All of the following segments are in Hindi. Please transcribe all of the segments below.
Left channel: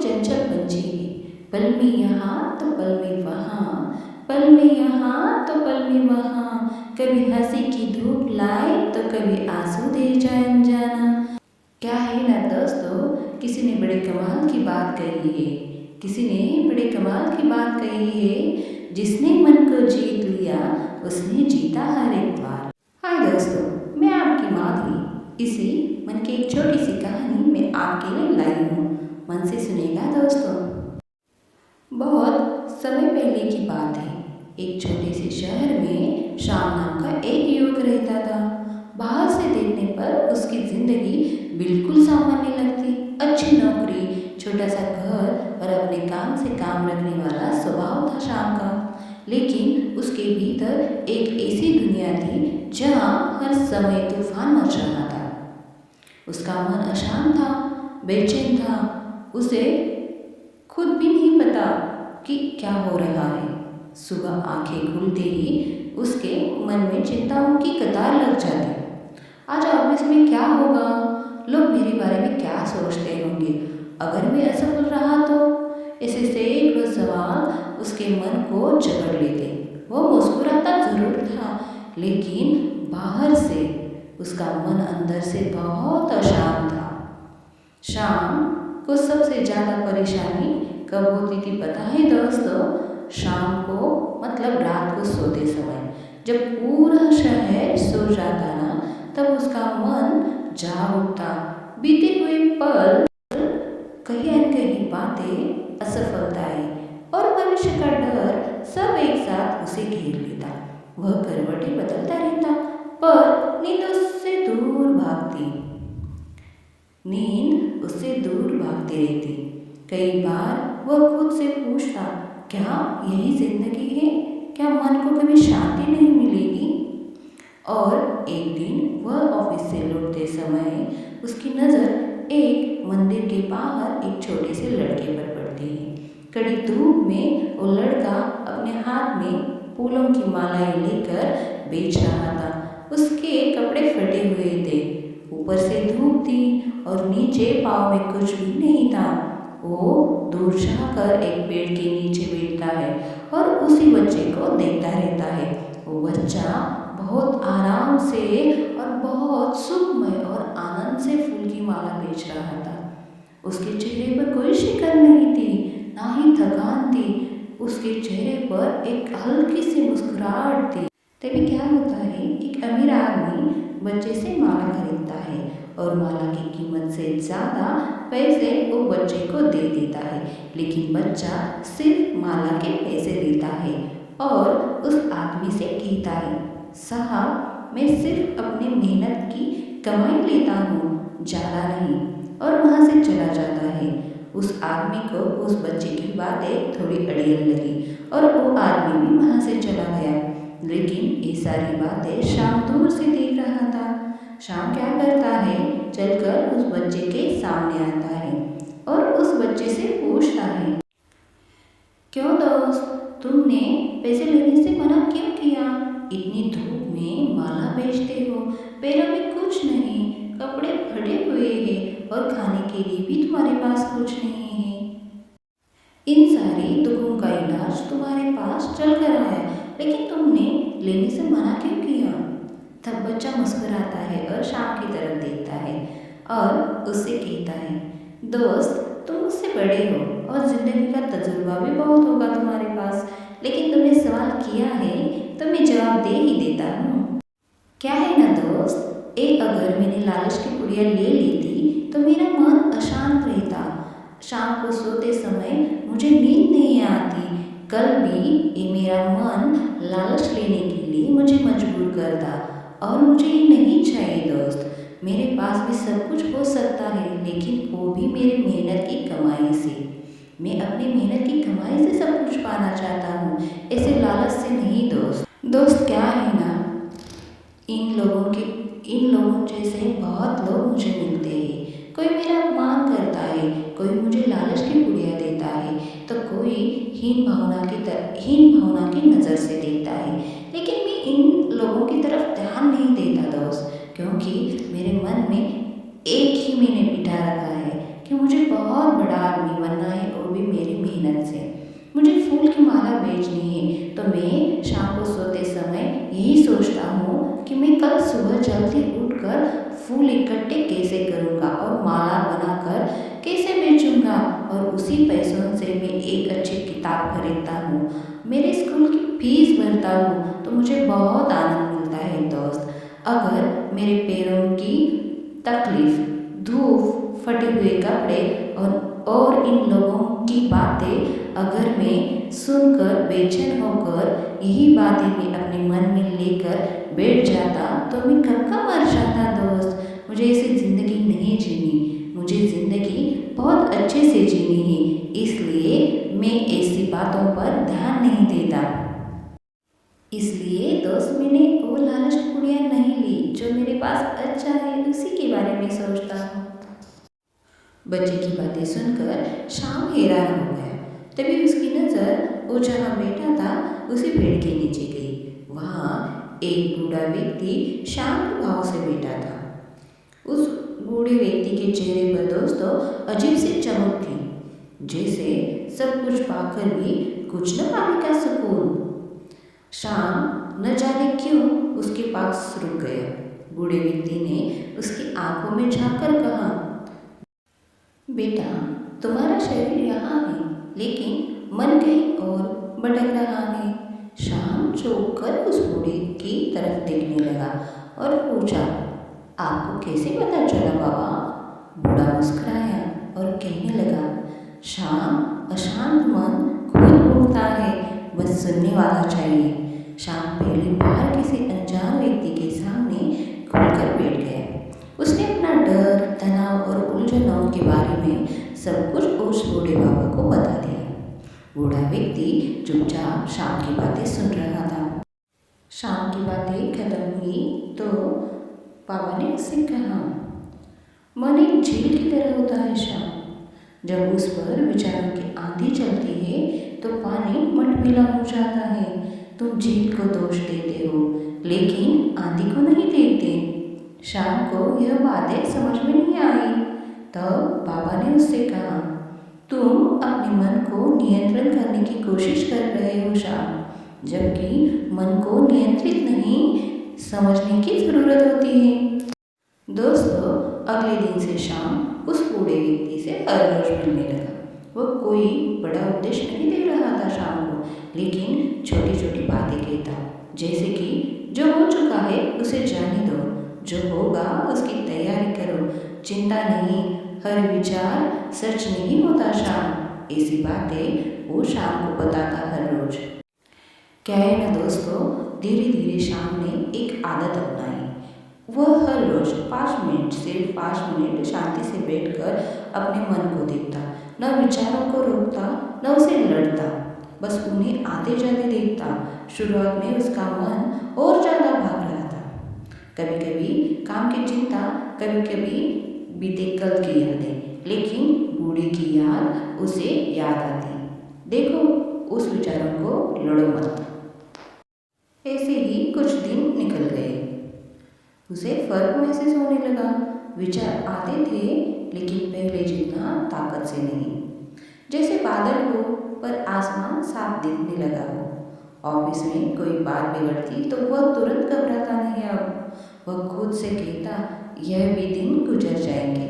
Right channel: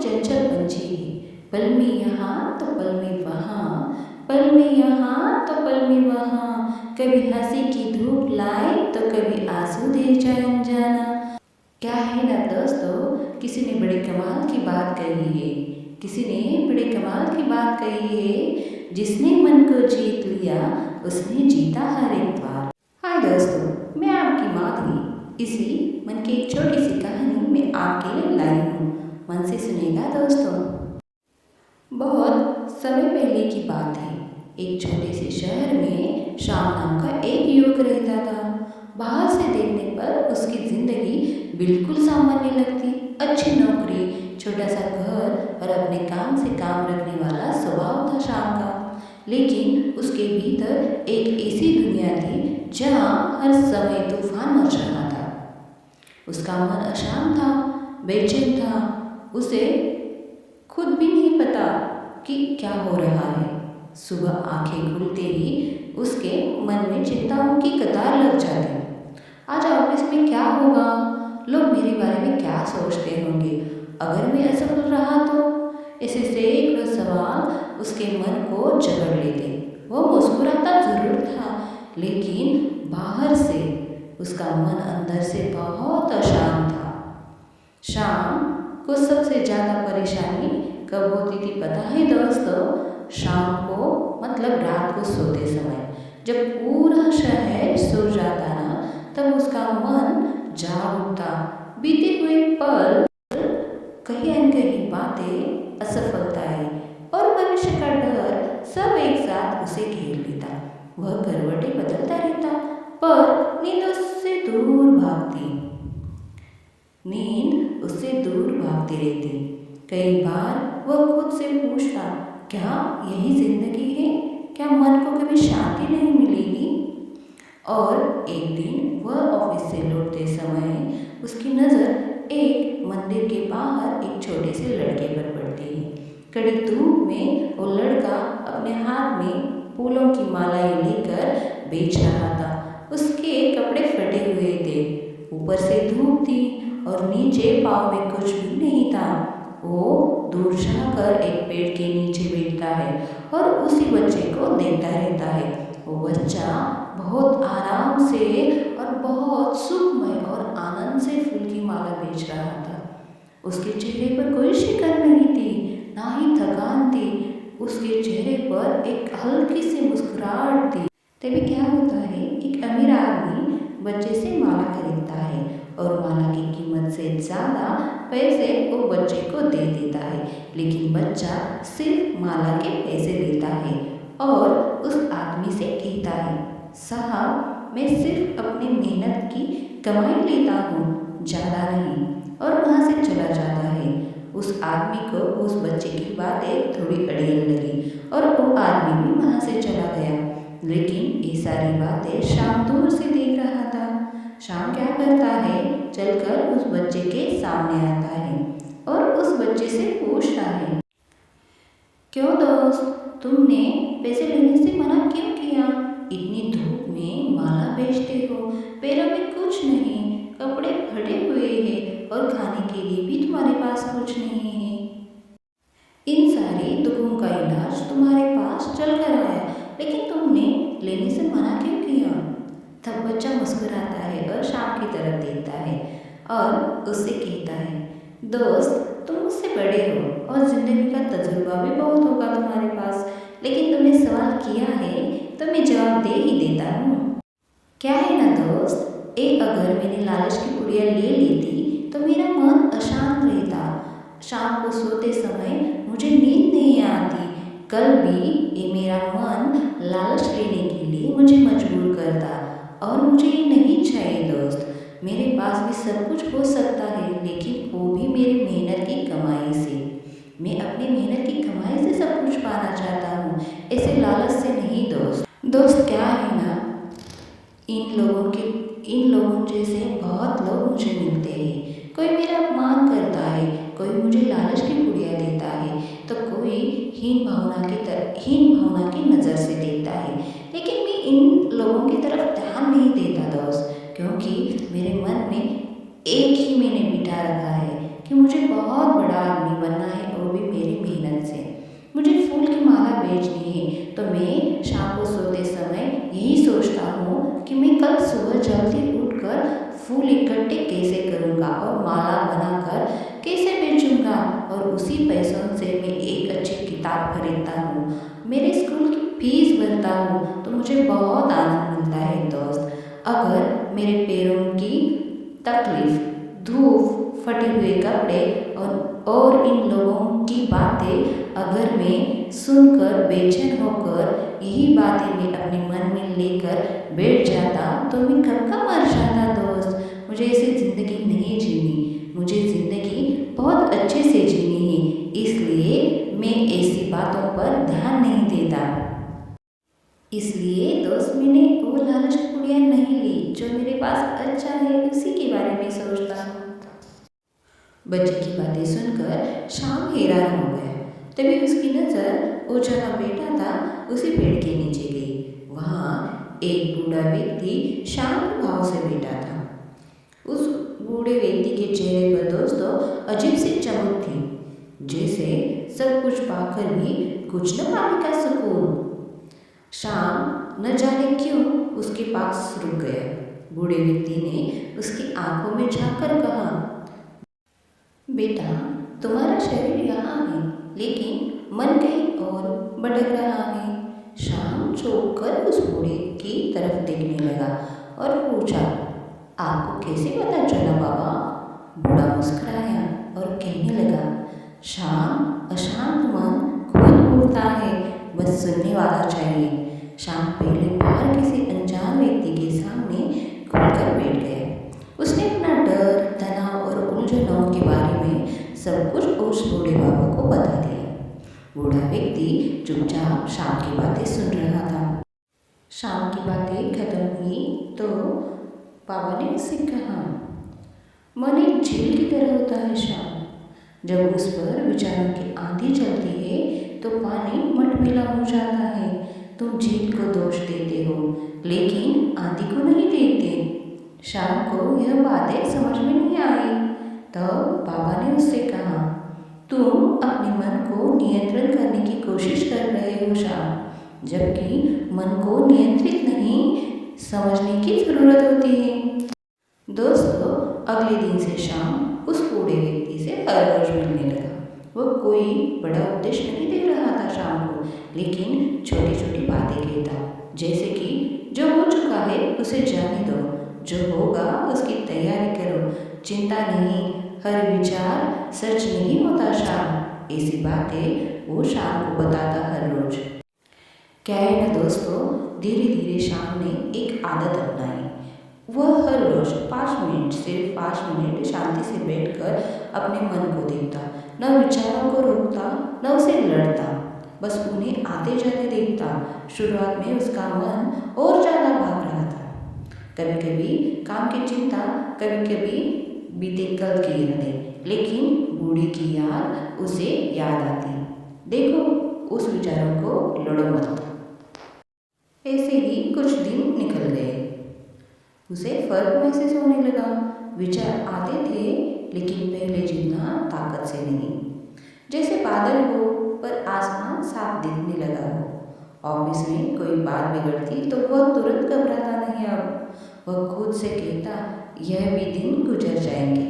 चंचल पंछी है, पल में यहाँ तो पल में वहाँ, पल में यहाँ तो पल में वहाँ, कभी हंसी की धूप लाए तो कभी आंसू दे जाए अनजाना। क्या है ना दोस्तों, किसी ने बड़े कमाल की बात कही है, किसी ने बड़े कमाल की बात कही है, जिसने मन को जीत लिया उसने जीता हर एक द्वार। हाय दोस्तों, मैं आपकी माधवी इसी मन की एक छोटी सी कहानी मैं आपके लिए लाई हूँ। मन से सुनेगा दोस्तों। बहुत समय पहले की बात है, एक छोटे से शहर में श्याम नाम का एक युवक रहता था। बाहर से देखने पर उसकी ज़िंदगी बिल्कुल सामान्य लगती। अच्छी नौकरी, छोटा सा घर और अपने काम से काम रखने वाला स्वभाव था श्याम का। लेकिन उसके भीतर एक ऐसी दुनिया थी जहाँ हर समय तूफान मच रहा था। उसका मन अशांत था, बेचैन था। उसे खुद भी नहीं पता कि क्या हो रहा है। सुबह आंखें खुलते ही उसके मन में चिंताओं की कतार लग जाती। आज ऑफिस में क्या होगा, लोग मेरे बारे में क्या सोचते होंगे, अगर मैं असफल रहा तो। ऐसे सैकड़ों सवाल उसके मन को जकड़ लेते। वो मुस्कुराता ज़रूर था, लेकिन बाहर से उसका मन अंदर से बहुत अशांत था। शाम को सबसे ज़्यादा परेशानी कब होती थी पता है दोस्तों? शाम को मतलब रात को सोते समय, जब पूरा शहर सो जाता ना, तब उसका मन जाग उठता। बीते हुए पल, कहीं न कहीं बातें, असफलताएं और भविष्य का डर सब एक साथ उसे घेर लेता। वह करवटें बदलता रहता, पर नींद उससे दूर भागती। नींद उससे दूर भागती रहती। कई बार वह खुद से पूछता, क्या यही जिंदगी है? क्या मन को कभी शांति नहीं मिलेगी? और एक दिन वह ऑफिस से लौटते समय उसकी नज़र एक मंदिर के बाहर एक छोटे से लड़के पर पड़ती है। कड़ी धूप में वो लड़का अपने हाथ में फूलों की मालाएं लेकर बेच रहा था। उसके कपड़े फटे हुए थे, ऊपर से धूप थी और नीचे पाँव में कुछ भी नहीं था। वो दूर जाकर एक पेड़ के नीचे बैठता है और उसी बच्चे को देखता रहता है। वो बच्चा बहुत आराम से और बहुत सुखमय और आनंद से फूल की माला बेच रहा था। उसके चेहरे पर कोई शिकन नहीं थी, ना ही थकान थी। उसके चेहरे पर एक हल्की सी मुस्कुराहट थी। तभी क्या होता है, एक अमीर आदमी बच्चे से माला खरीदता है और माला की कीमत से ज़्यादा पैसे वो बच्चे को दे देता है। लेकिन बच्चा सिर्फ माला के पैसे लेता है और उस आदमी से कहता है, साहब मैं सिर्फ अपनी मेहनत की कमाई लेता हूँ, ज़्यादा नहीं, और वहाँ से चला जाता है। उस आदमी को उस बच्चे की बातें थोड़ी अड़ियल लगी और वो आदमी भी वहाँ से चला गया। लेकिन ये सारी बातें शाम दूर से देख रहा था। शाम क्या करता है, चलकर उस बच्चे के सामने आता है और उस बच्चे से पूछता है, क्यों दोस्त, तुमने पैसे लेने से मना क्यों किया? इतनी धूप में माला बेचते हो, पैरों में कुछ नहीं, कपड़े फटे हुए हैं और खाने के लिए भी तुम्हारे पास कुछ नहीं है। इन सारे दुखों का इलाज तुम्हारे पास चल कर आया, लेकिन तुमने लेने से मना क्यों किया? तब बच्चा मुस्कुराता है और शाम की तरफ देखता है और उससे कहता है, दोस्त तुम मुझसे बड़े हो और ज़िंदगी का तजुर्बा भी बहुत होगा तुम्हारे पास, लेकिन तुमने सवाल किया है तो मैं जवाब दे ही देता हूँ। क्या है ना दोस्त, अगर मैंने लालच की पुड़िया ले लेती तो मेरा मन अशांत रहता। शाम को सोते समय मुझे नींद नहीं आती। कल भी ये मेरा मन लालच लेने के लिए मुझे मजबूर करता और मुझे ये नहीं चाहिए दोस्त। मेरे पास भी सब कुछ हो सकता है, लेकिन वो भी मेरी मेहनत की कमाई से। मैं अपनी मेहनत की कमाई से सब कुछ पाना चाहता हूँ, ऐसे लालच से नहीं दोस्त। दोस्त क्या है ना, इन लोगों जैसे बहुत लोग मुझे मिलते हैं। कोई मेरा अपमान करता है, कोई मुझे लालच की पुड़िया देता है, तो कोई हीन भावना की नज़र से देखता है। लेकिन मैं इन लोगों की तरफ ध्यान नहीं देता दोस्त, क्योंकि मेरे मन में एक ही मैंने बिठा रखा है कि मुझे बहुत बड़ा आदमी बनना है माला बेचनी है तो मैं शाम को सोते समय यही सोचता हूँ कि मैं कल सुबह जल्दी उठकर फूल इकट्ठे कैसे करूँगा और माला बनाकर कैसे बेचूँगा, और उसी पैसों से मैं एक अच्छी किताब खरीदता हूँ, मेरे स्कूल की फीस भरता हूँ, तो मुझे बहुत आनंद मिलता है दोस्त। अगर मेरे पैरों की तकलीफ, धूप, फटे हुए कपड़े और इन लोगों की बातें अगर मैं सुनकर बेचैन होकर यही बातें मैं अपने मन में लेकर बैठ जाता तो मैं कब का मर जाता दोस्त। मुझे ऐसी ज़िंदगी नहीं जीनी, मुझे ज़िंदगी बहुत अच्छे से जीनी है, इसलिए मैं ऐसी बातों पर ध्यान नहीं देता। इसलिए दोस्त मैंने वो लालच की पुड़िया नहीं ली, जो मेरे पास अच्छा है उसी के बारे में सोचता हूँ। बच्चे की बातें सुनकर शाम हैरान हो गया। तभी उसकी नज़र वो जहाँ बैठा था उसी पेड़ के नीचे गई। वहाँ एक बूढ़ा व्यक्ति शांत भाव से बैठा था। उस बूढ़े व्यक्ति के चेहरे पर दोस्तों अजीब सी चमक थी, जैसे सब कुछ पाकर भी कुछ न पाने का सुकून। शाम न जाने क्यों उसके पास रुक गया। बूढ़े व्यक्ति ने उसकी आंखों में झांककर कहा, बेटा, तुम्हारा शरीर यहाँ है, लेकिन मन कहीं और भटक रहा है। शाम चौंक कर उस बूढ़े की तरफ देखने लगा और पूछा, आपको कैसे पता चला बाबा? बूढ़ा मुस्कुराया और कहने लगा, शाम, अशांत मन खुद बोलता है, बस सुनने वाला चाहिए। शाम पहली बार किसी अनजान व्यक्ति के सामने खुलकर बैठ गया। उसने अपना डर, तनाव और उलझनों के बारे में सब कुछ उस बूढ़े बाबा को बता दिया। बूढ़ा व्यक्ति चुपचाप शाम की बातें सुन रहा था। शाम की बातें खत्म हुई तो बाबा ने उससे कहा, मन एक झील की तरह होता है शाम। जब उस पर विचारों की आंधी चलती है तो पानी मटमैला हो जाता है। तुम झील को दोष देते हो, लेकिन आंधी को नहीं देते। शाम को यह बातें समझ में नहीं आई। तब बाबा ने उससे कहा, तुम अपने मन को नियंत्रण करने की कोशिश कर रहे हो शाम, जबकि मन को नियंत्रित नहीं समझने की ज़रूरत होती है। दोस्तों, अगले दिन से शाम उस बूढ़े व्यक्ति से हर रोज मिलने लगा। वह कोई बड़ा उपदेश नहीं दे रहा था शाम को, लेकिन छोटी छोटी बातें कहता, जैसे कि जो हो चुका है उसे जाने दो, जो होगा उसकी तैयारी करो, चिंता नहीं, हर विचार सच नहीं होता शाम। ऐसी बातें वो शाम को बताता हर रोज। क्या है ना दोस्तों, धीरे धीरे शाम ने एक आदत अपनाई। वह हर रोज 5 मिनट, सिर्फ 5 मिनट शांति से बैठकर अपने मन को देखता, न विचारों को रोकता, न उसे लड़ता, बस उन्हें आते जाते देखता। शुरुआत में उसका मन और ज़्यादा भाग रहा था। कभी कभी काम की चिंता, कभी कभी बीते कल की यादें, लेकिन बूढ़े की याद उसे याद आती। देखो, उस विचारों को लड़ो मत। ऐसे ही कुछ दिन निकल गए। उसे फर्क महसूस होने लगा। विचार आते थे, लेकिन पहले जितना ताकत से नहीं। जैसे बादल हो पर आसमान साफ दिखने लगा हो। ऑफिस में कोई बात बिगड़ती तो वह तुरंत घबराता नहीं। अब वह खुद से कहता, यह भी दिन गुजर जाएंगे।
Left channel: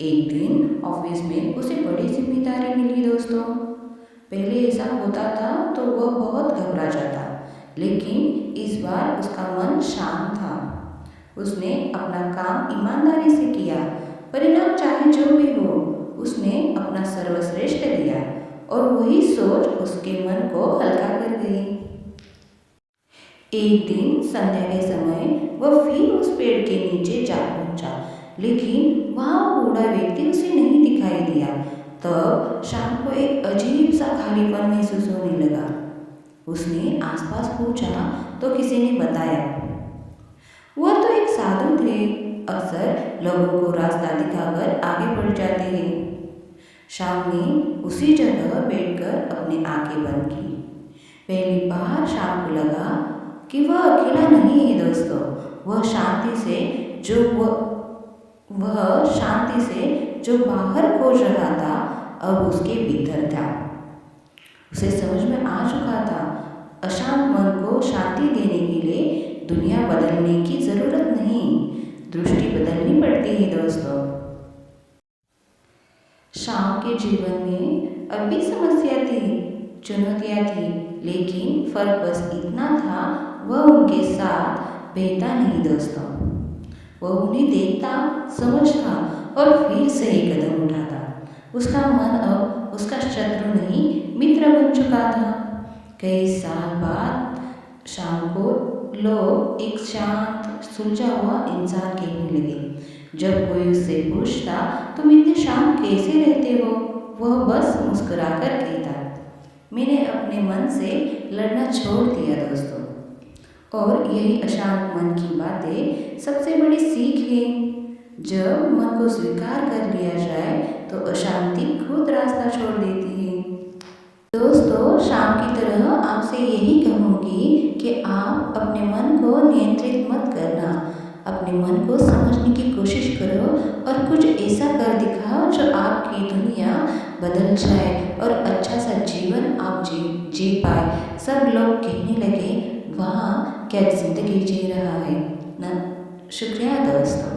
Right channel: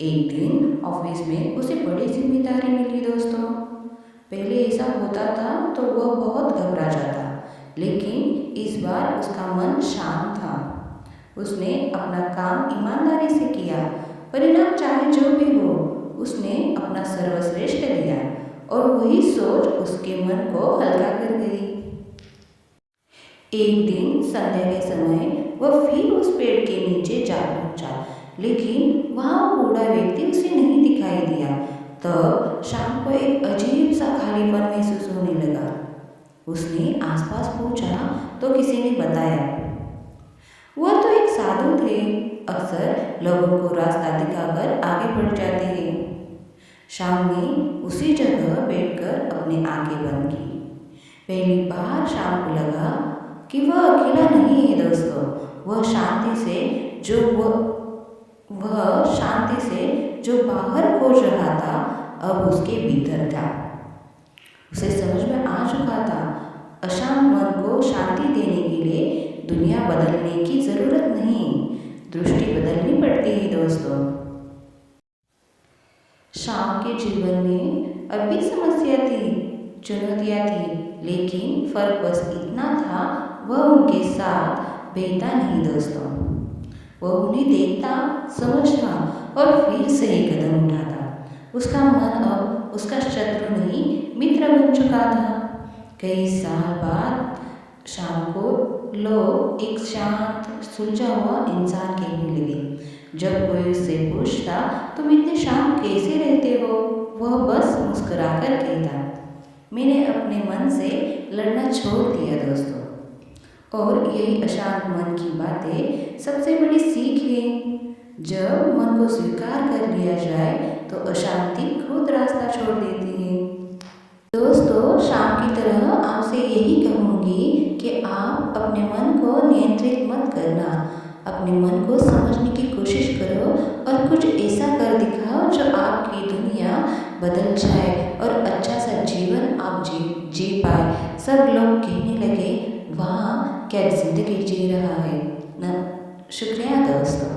एक दिन ऑफिस में उसे बड़ी जिम्मेदारी मिली दोस्तों। पहले ऐसा होता था तो वह बहुत घबरा जाता, लेकिन इस बार उसका मन शांत था। उसने अपना काम ईमानदारी से किया, परिणाम चाहे जो भी हो, उसने अपना सर्वश्रेष्ठ दिया, और वही सोच उसके मन को हल्का कर गई। एक दिन संध्या के समय वह फिर उस पेड़ के नीचे जा पहुंचा, लेकिन वहाँ बूढ़ा व्यक्ति उसे नहीं दिखाई दिया। तब शाम को एक अजीब सा खालीपन महसूस होने लगा। उसने आसपास पूछा तो किसी ने बताया, वह तो एक साधु थे, अक्सर लोगों को रास्ता दिखाकर आगे बढ़ जाते हैं। शाम ने उसी जगह बैठकर अपनी आंखें बंद की। पहली बार शाम को लगा कि वह अकेला नहीं है दोस्तों। वह शांति से जो बाहर खोज रहा था, अब उसके भीतर था। उसे समझ में आ चुका था अशांत मन को शांति देने के लिए दुनिया बदलने की ज़रूरत नहीं, दृष्टि बदलनी पड़ती है दोस्तों। शाम के जीवन में अब भी समस्या थी, चुनौतियाँ थी, लेकिन फ़र्क बस इतना था, वह उनके साथ बहता नहीं दोस्तों। वह उन्हें देखता, समझता और फिर सही कदम उठाता। उसका मन अब उसका शत्रु नहीं, मित्र बन चुका था। कई साल बाद शाम को लोग एक शांत, सुलझा हुआ इंसान कहने लगे। जब कोई उससे पूछता, तुम इतने शांत कैसे रहते हो, वह बस मुस्कुराकर कहता, मैंने अपने मन से लड़ना छोड़ दिया दोस्तों। और यही अशांत मन की बातें सबसे बड़ी सीख है। जब मन को स्वीकार कर लिया जाए तो अशांति खुद रास्ता छोड़ देती है। दोस्तों, शाम की तरह आपसे यही कहूँगी कि आप अपने मन को नियंत्रित मत करना, अपने मन को समझने की कोशिश करो और कुछ ऐसा कर दिखाओ जो आपकी दुनिया बदल जाए और अच्छा सा जीवन आप जी पाए। सब लोग कहने लगे, वाह क्या ज़िंदगी जी रहा है ना। शुक्रिया दोस्तों।